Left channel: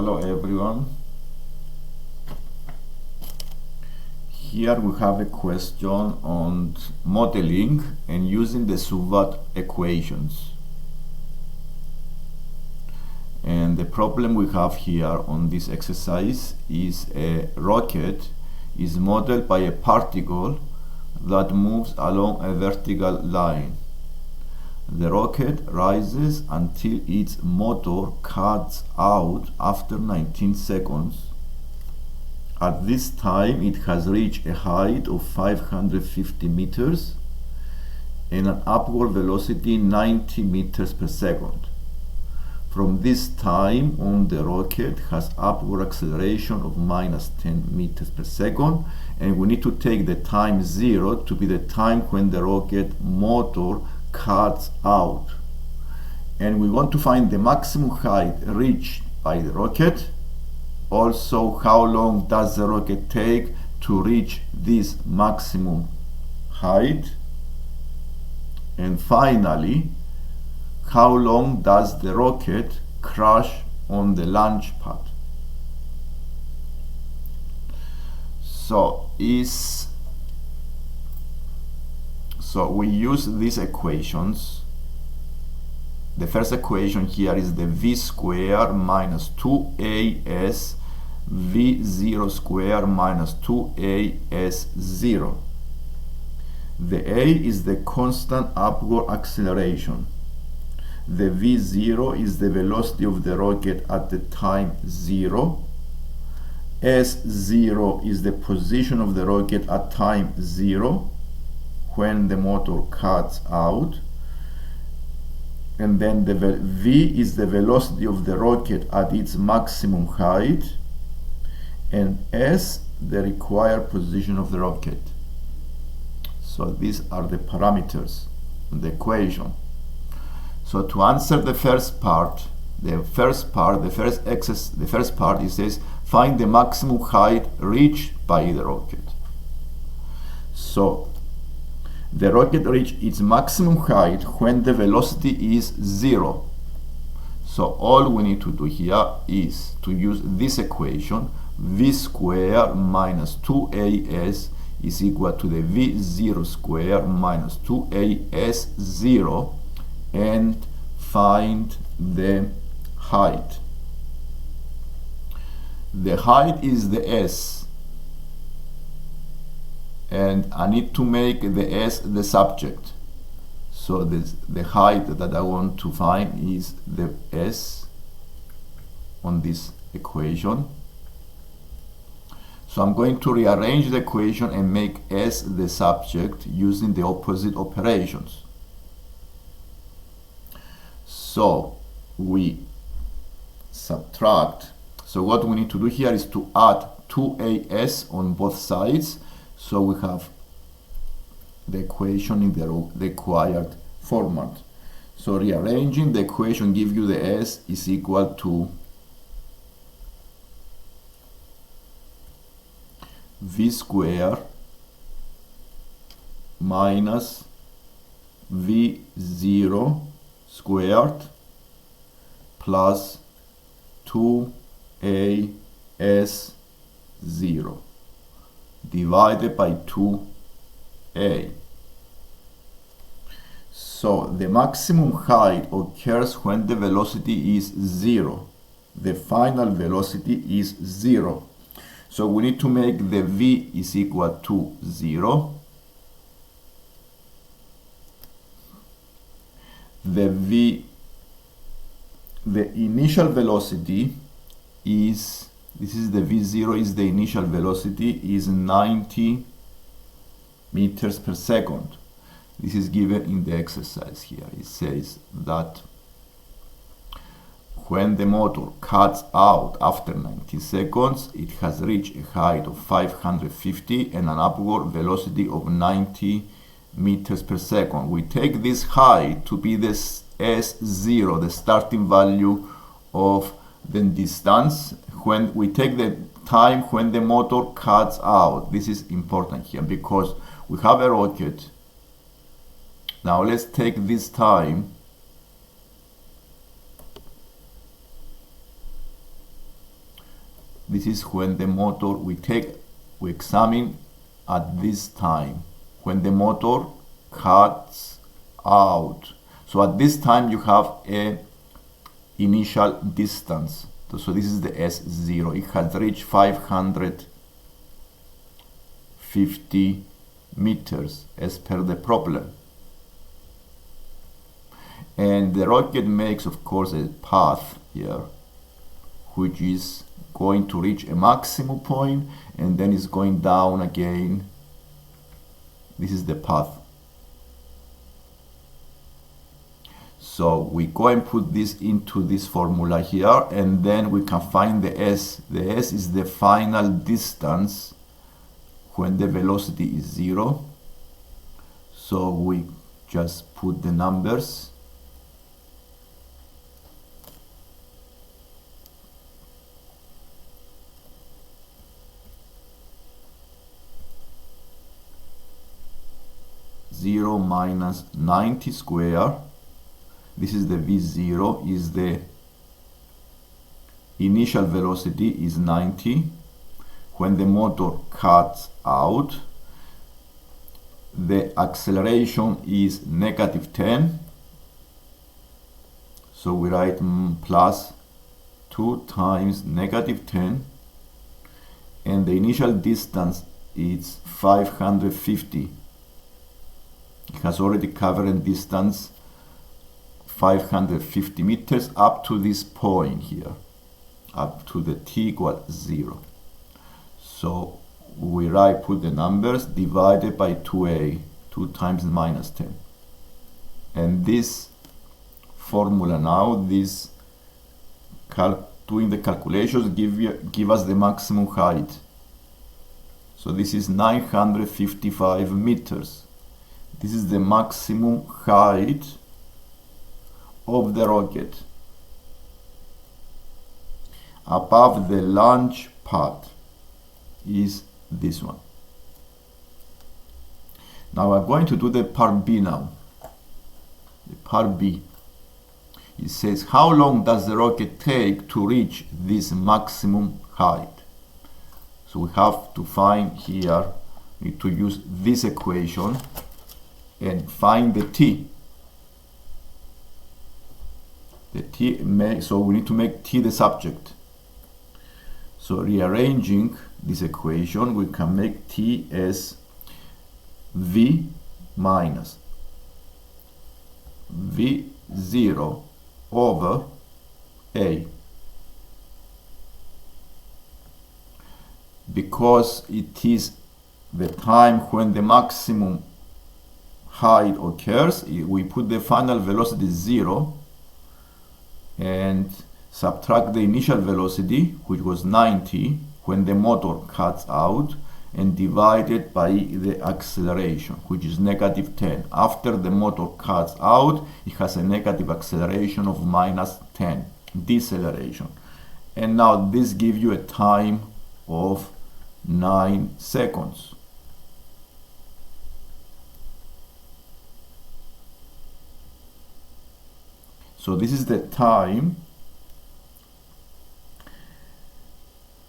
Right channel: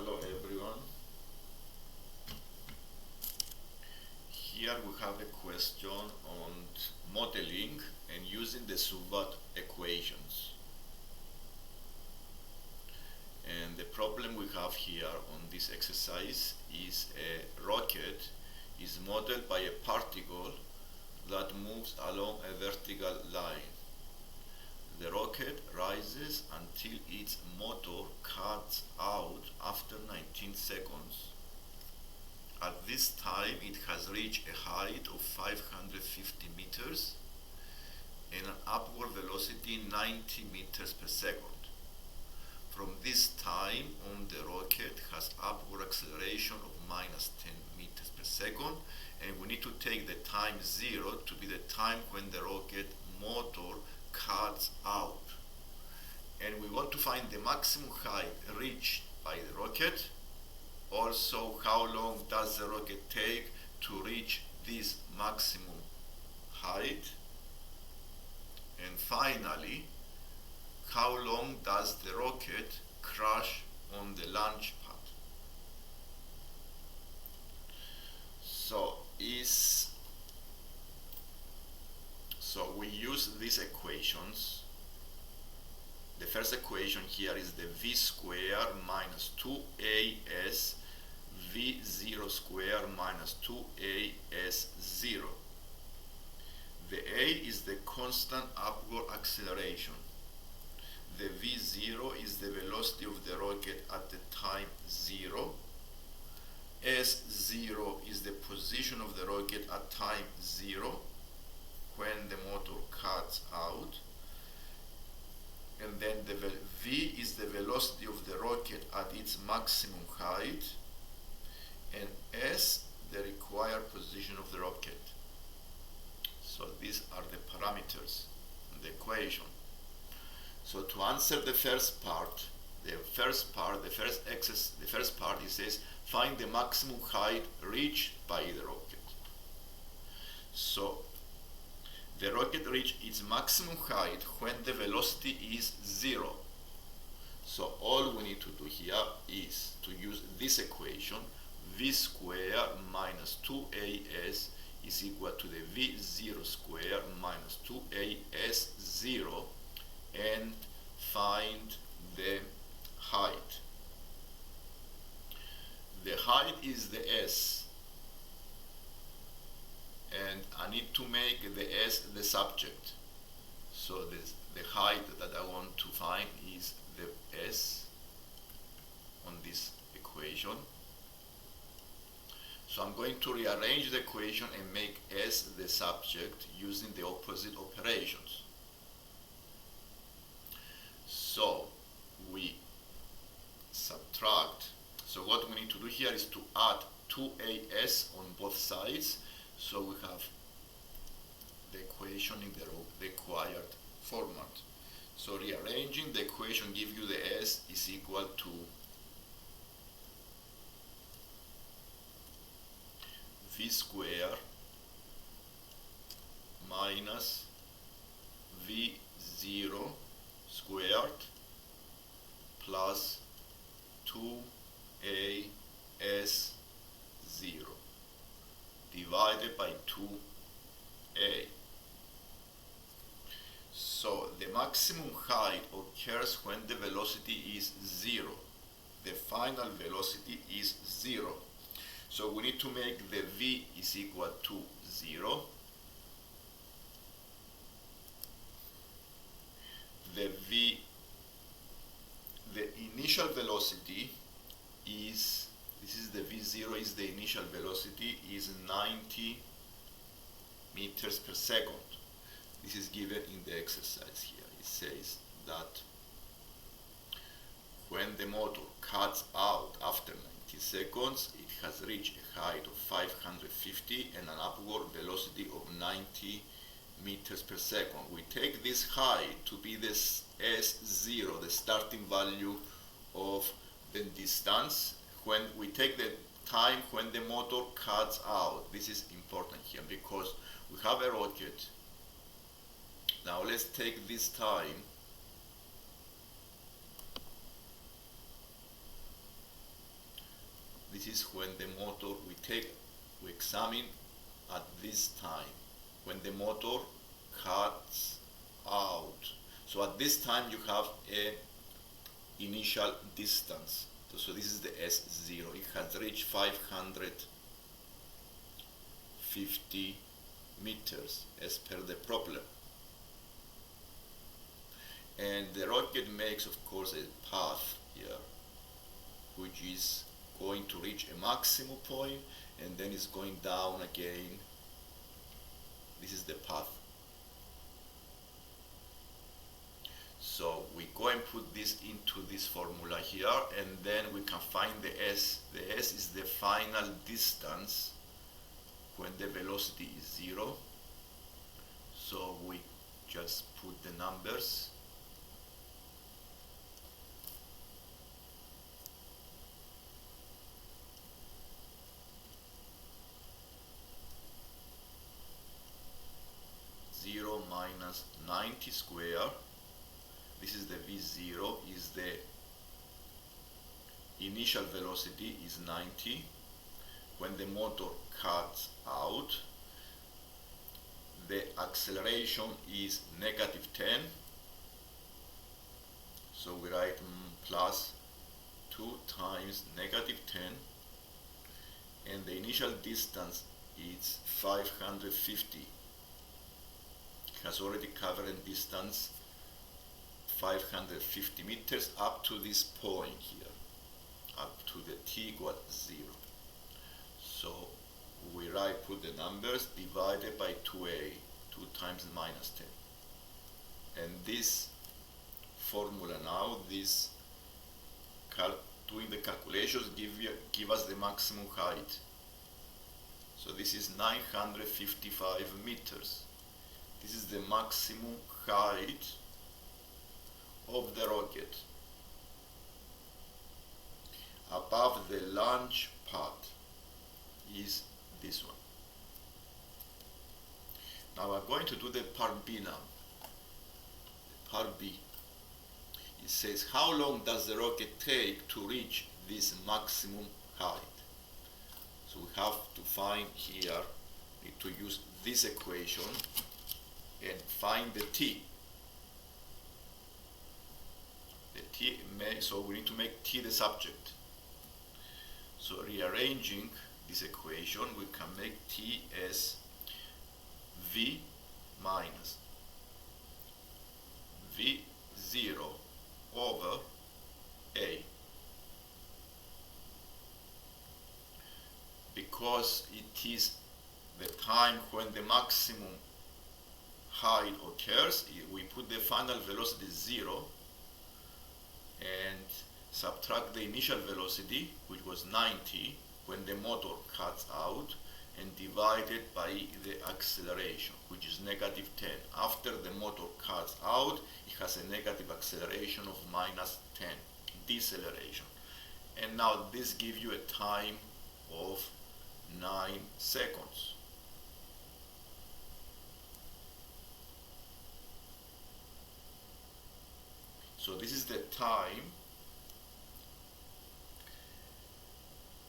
Hello everyone. Here we have a question on modeling and using the SUVAT equations. And the problem we have here on this exercise is a rocket is modeled by a particle that moves along a vertical line. The rocket rises until its motor cuts out after 19 seconds. At this time, it has reached a height of 550 meters and an upward velocity 90 meters per second. From this time on, the rocket has upward acceleration of minus 10 meters per second, and we need to take the time 0 to be the time when the rocket motor cuts out. And we want to find the maximum height reached by the rocket. Also, how long does the rocket take to reach this maximum height? And finally, how long does the rocket crash on the launch pad? So we use these equations. The first equation here is the v square minus 2as v0 square minus 2as0. The a is the constant upward acceleration. The v0 is the velocity of the rocket at the time 0. S0 is the position of the rocket at time 0 when the motor cuts out. And then the v is the velocity of the rocket at its maximum height, and s the required position of the rocket. So these are the parameters of the equation. So to answer the first part, it says find the maximum height reached by the rocket. So the rocket reaches its maximum height when the velocity is 0. So all we need to do here is to use this equation. V square minus 2as is equal to the v0 square minus 2as0, and find the height. The height is the s, and I need to make the s the subject. So the height that I want to find is the s on this equation. So I'm going to rearrange the equation and make s the subject using the opposite operations. So we subtract. So what we need to do here is to add 2as on both sides. So we have the equation in the required format. So rearranging the equation gives you the s is equal to v square minus v0 squared plus 2as0 divided by 2a. So the maximum height occurs when the velocity is 0. The final velocity is 0. So we need to make the v is equal to 0. The initial velocity is, this is the v0, is the initial velocity, is 90 meters per second. This is given in the exercise here. It says that when the motor cuts out after 90 seconds, it has reached a height of 550 and an upward velocity of 90 meters per second. We take this height to be this s0, the starting value of the distance, when we take the time when the motor cuts out. This is important here because we have a rocket. Now let's take this time This is when the motor we examine at this time when the motor cuts out. So at this time you have a initial distance. So this is the S0. It has reached 550 meters as per the problem. And the rocket makes, of course, a path here, which is going to reach a maximum point and then it's going down again. This is the path. So we go and put this into this formula here, and then we can find the S. The S is the final distance when the velocity is 0. So we just put the numbers. Zero minus 90 square. This is the V0, is the initial velocity is 90. When the motor cuts out, the acceleration is -10. So we write plus 2 times -10, and the initial distance is 550. It has already covered distance 550 meters up to this point here, up to the t equals 0. So we put the numbers divided by 2a, 2 times -10. And this formula now, this doing the calculations give us the maximum height. So this is 955 meters. This is the maximum height of the rocket above the launch pad is this one. Now I'm going to do the part B now. The part B. It says, how long does the rocket take to reach this maximum height? So we have to find here, need to use this equation and find the t. So we need to make t the subject. So rearranging this equation, we can make t as v minus v0 over a, because it is the time when the maximum height occurs. We put the final velocity 0 and subtract the initial velocity, which was 90 when the motor cuts out, and divide it by the acceleration, which is -10. After the motor cuts out, it has a negative acceleration of -10, deceleration. And now this gives you a time of 9 seconds. So this is the time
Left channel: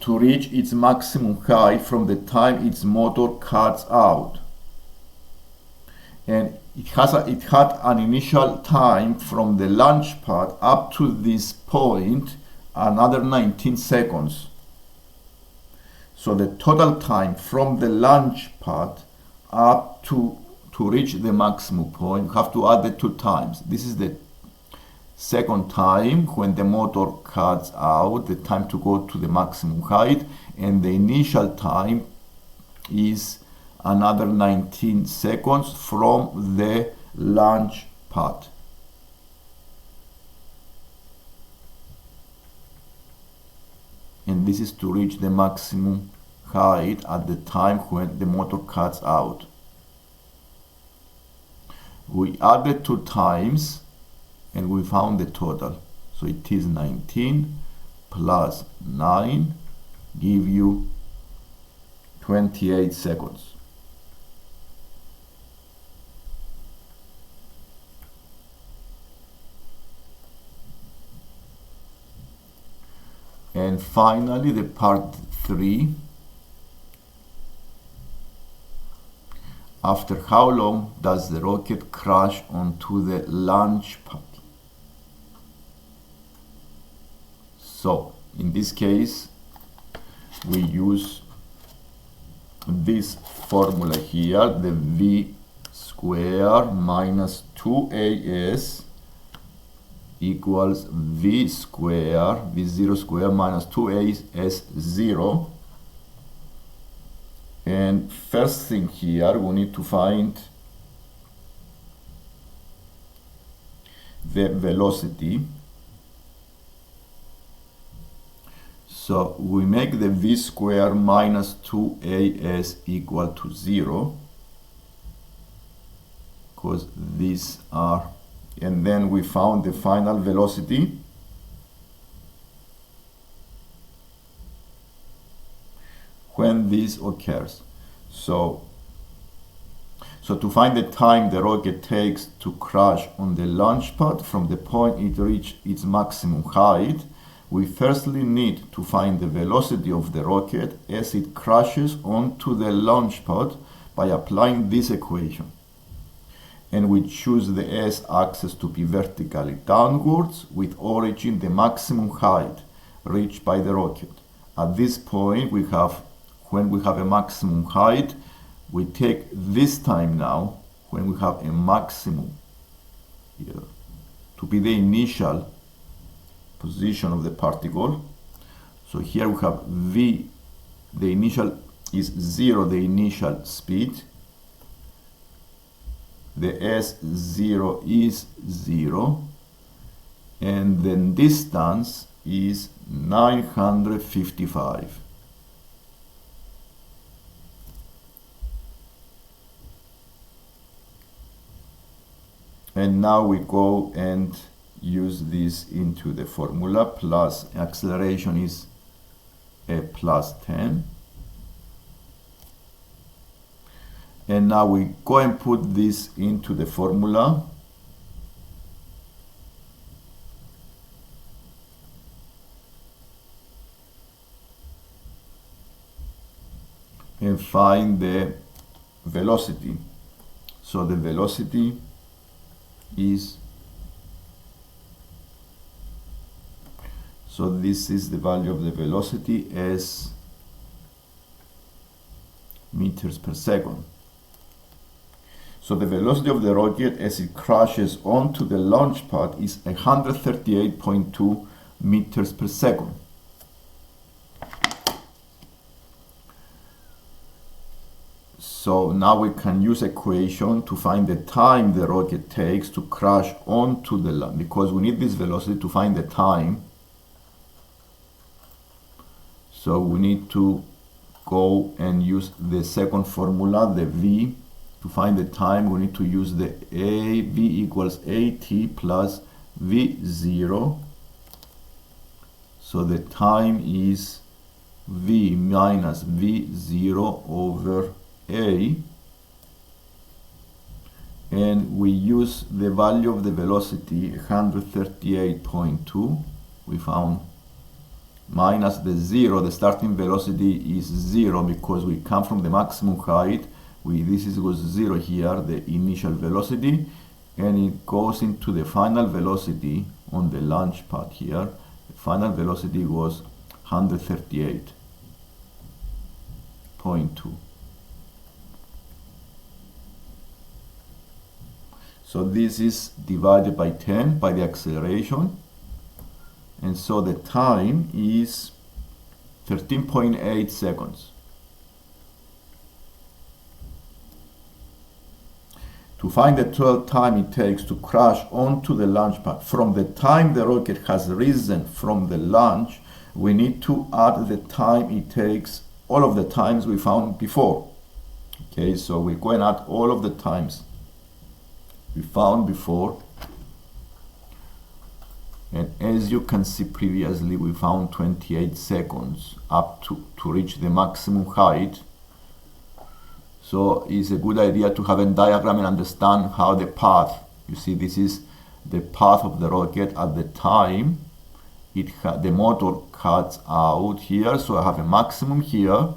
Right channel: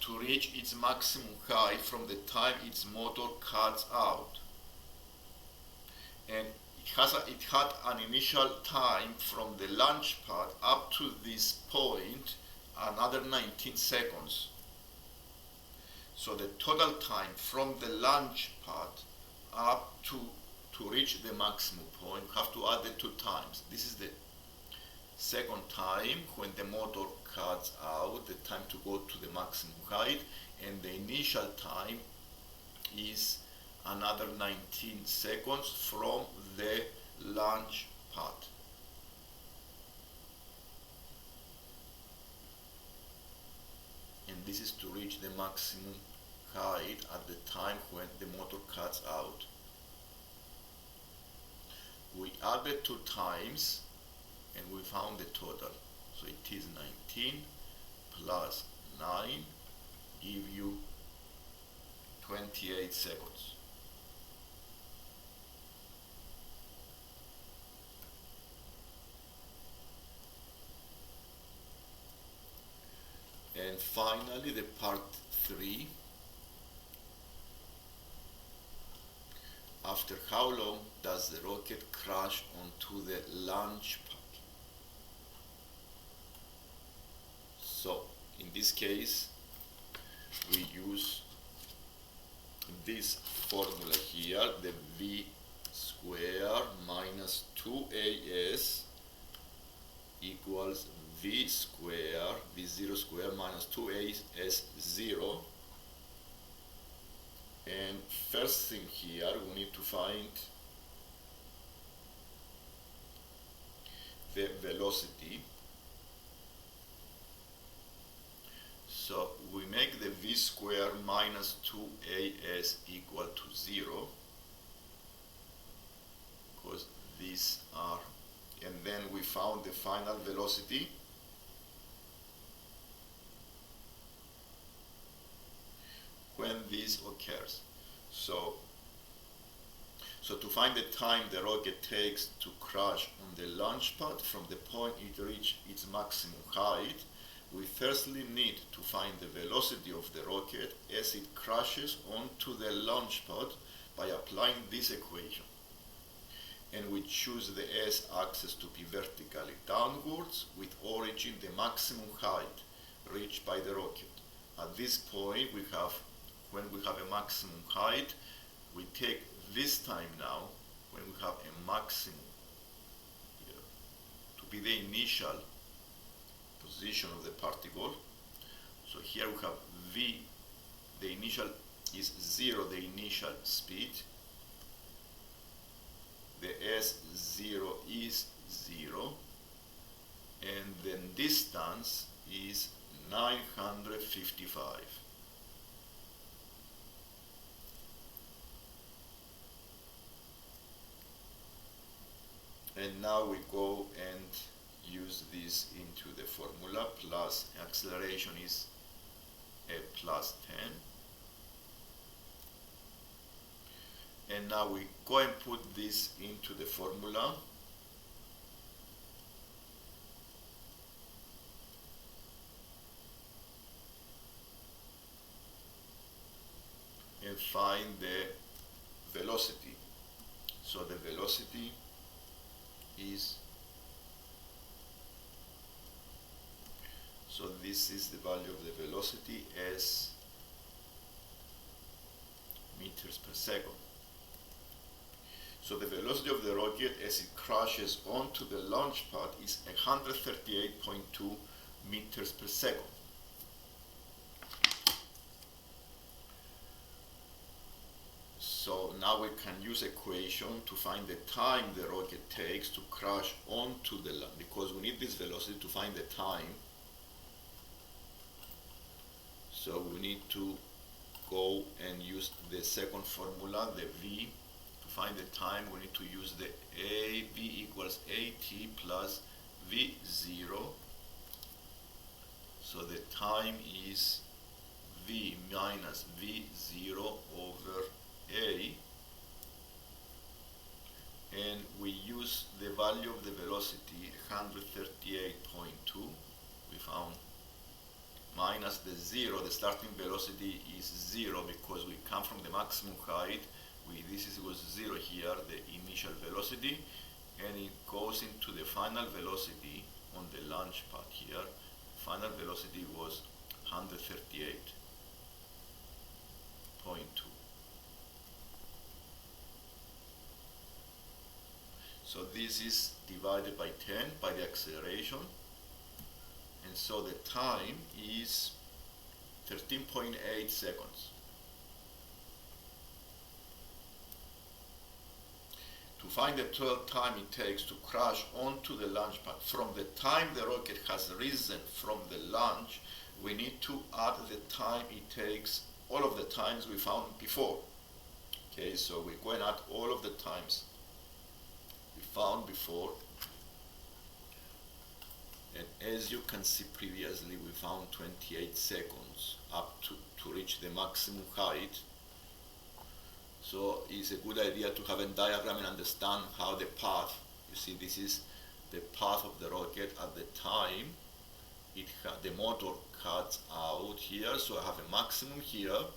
to reach its maximum height from the time its motor cuts out. And it had an initial time from the launch pad up to this point, another 19 seconds. So the total time from the launch pad up to reach the maximum point, you have to add the 2 times. This is the second time when the motor cuts out, the time to go to the maximum height, and the initial time is another 19 seconds from the launch pad. And this is to reach the maximum height at the time when the motor cuts out. We added 2 times and we found the total. So it is 19 plus 9 give you 28 seconds. And And finally, the part 3. After how long does the rocket crash onto the launch pad? So, in this case, we use this formula here, the v square minus 2as equals v square, v0 square minus 2as0. And first thing here, we need to find the velocity. So we make the v square minus 2as equal to 0, because these are, and then we found the final velocity. When this occurs. So to find the time the rocket takes to crash on the launch pad from the point it reaches its maximum height, we firstly need to find the velocity of the rocket as it crashes onto the launch pad by applying this equation. And we choose the s-axis to be vertically downwards with origin the maximum height reached by the rocket. At this point, when we have a maximum height, we take this time now, when we have a maximum here, to be the initial position of the particle. So here we have v, the initial is 0, the initial speed. The s0 is 0, and the distance is 955. And now we go and use this into the formula, plus acceleration is a plus 10. And now we go and put this into the formula. And find the velocity. So the velocity is, so this is the value of the velocity as meters per second. So the velocity of the rocket as it crashes onto the launch pad is 138.2 meters per second. So now we can use equation to find the time the rocket takes to crash onto the launch, because we need this velocity to find the time. So we need to go and use the second formula, the v. To find the time, we need to use the v equals at plus v0. So the time is v minus v0 over a, and we use the value of the velocity 138.2 we found, minus the 0, the starting velocity is 0 because we come from the maximum height. This was 0 here, the initial velocity, and it goes into the final velocity on the launch pad here. The final velocity was 138.2. So this is divided by 10 by the acceleration, and so the time is 13.8 seconds. To find the total time it takes to crash onto the launch pad from the time the rocket has risen from the launch, we need to add the time it takes, all of the times we found before. Okay, so we go and add all of the times we found before, and as you can see previously we found 28 seconds up to reach the maximum height. So it's a good idea to have a diagram and understand how the path, you see this is the path of the rocket at the time, the motor cuts out here, so I have a maximum here,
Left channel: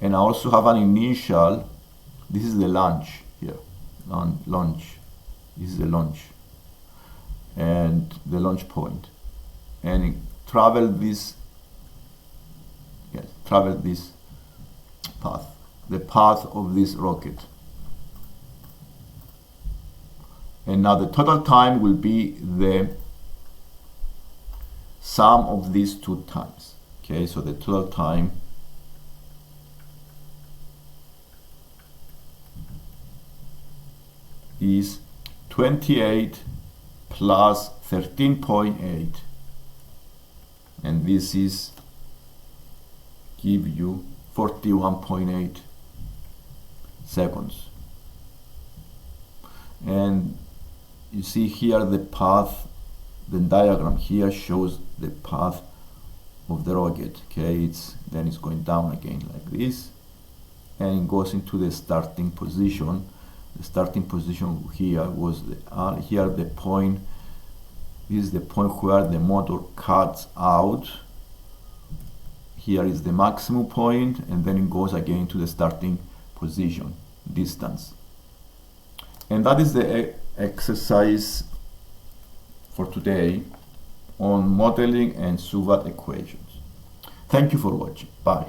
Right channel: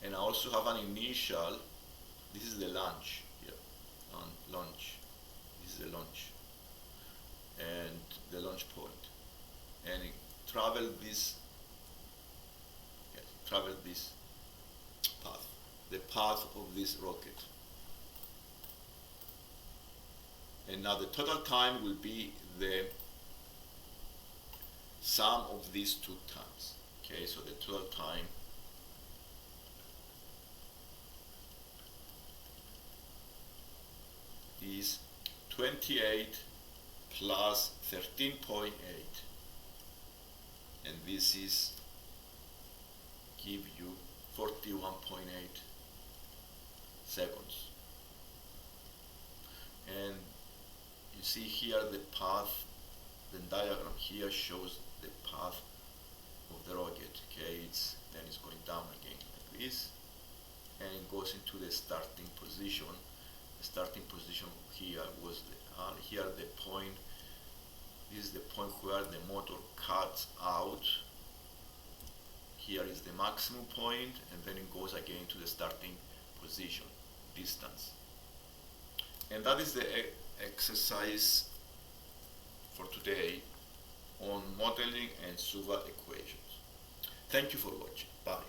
and I also have an initial. This is the launch here, launch. This is the launch, and the launch point, and it travel this. Yes, travel this path, the path of this rocket. And now the total time will be the sum of these two times. Okay, so the total time is 28 plus 13.8, and this is give you 41.8 seconds. And you see here the path, the diagram here shows the path of the rocket. Okay, then it's going down again like this, and it goes into the starting position. The starting position here was here the point. This is the point where the motor cuts out. Here is the maximum point, and then it goes again to the starting position distance. And that is the exercise for today on modeling and SUVAT equations. Thank you for watching. Bye.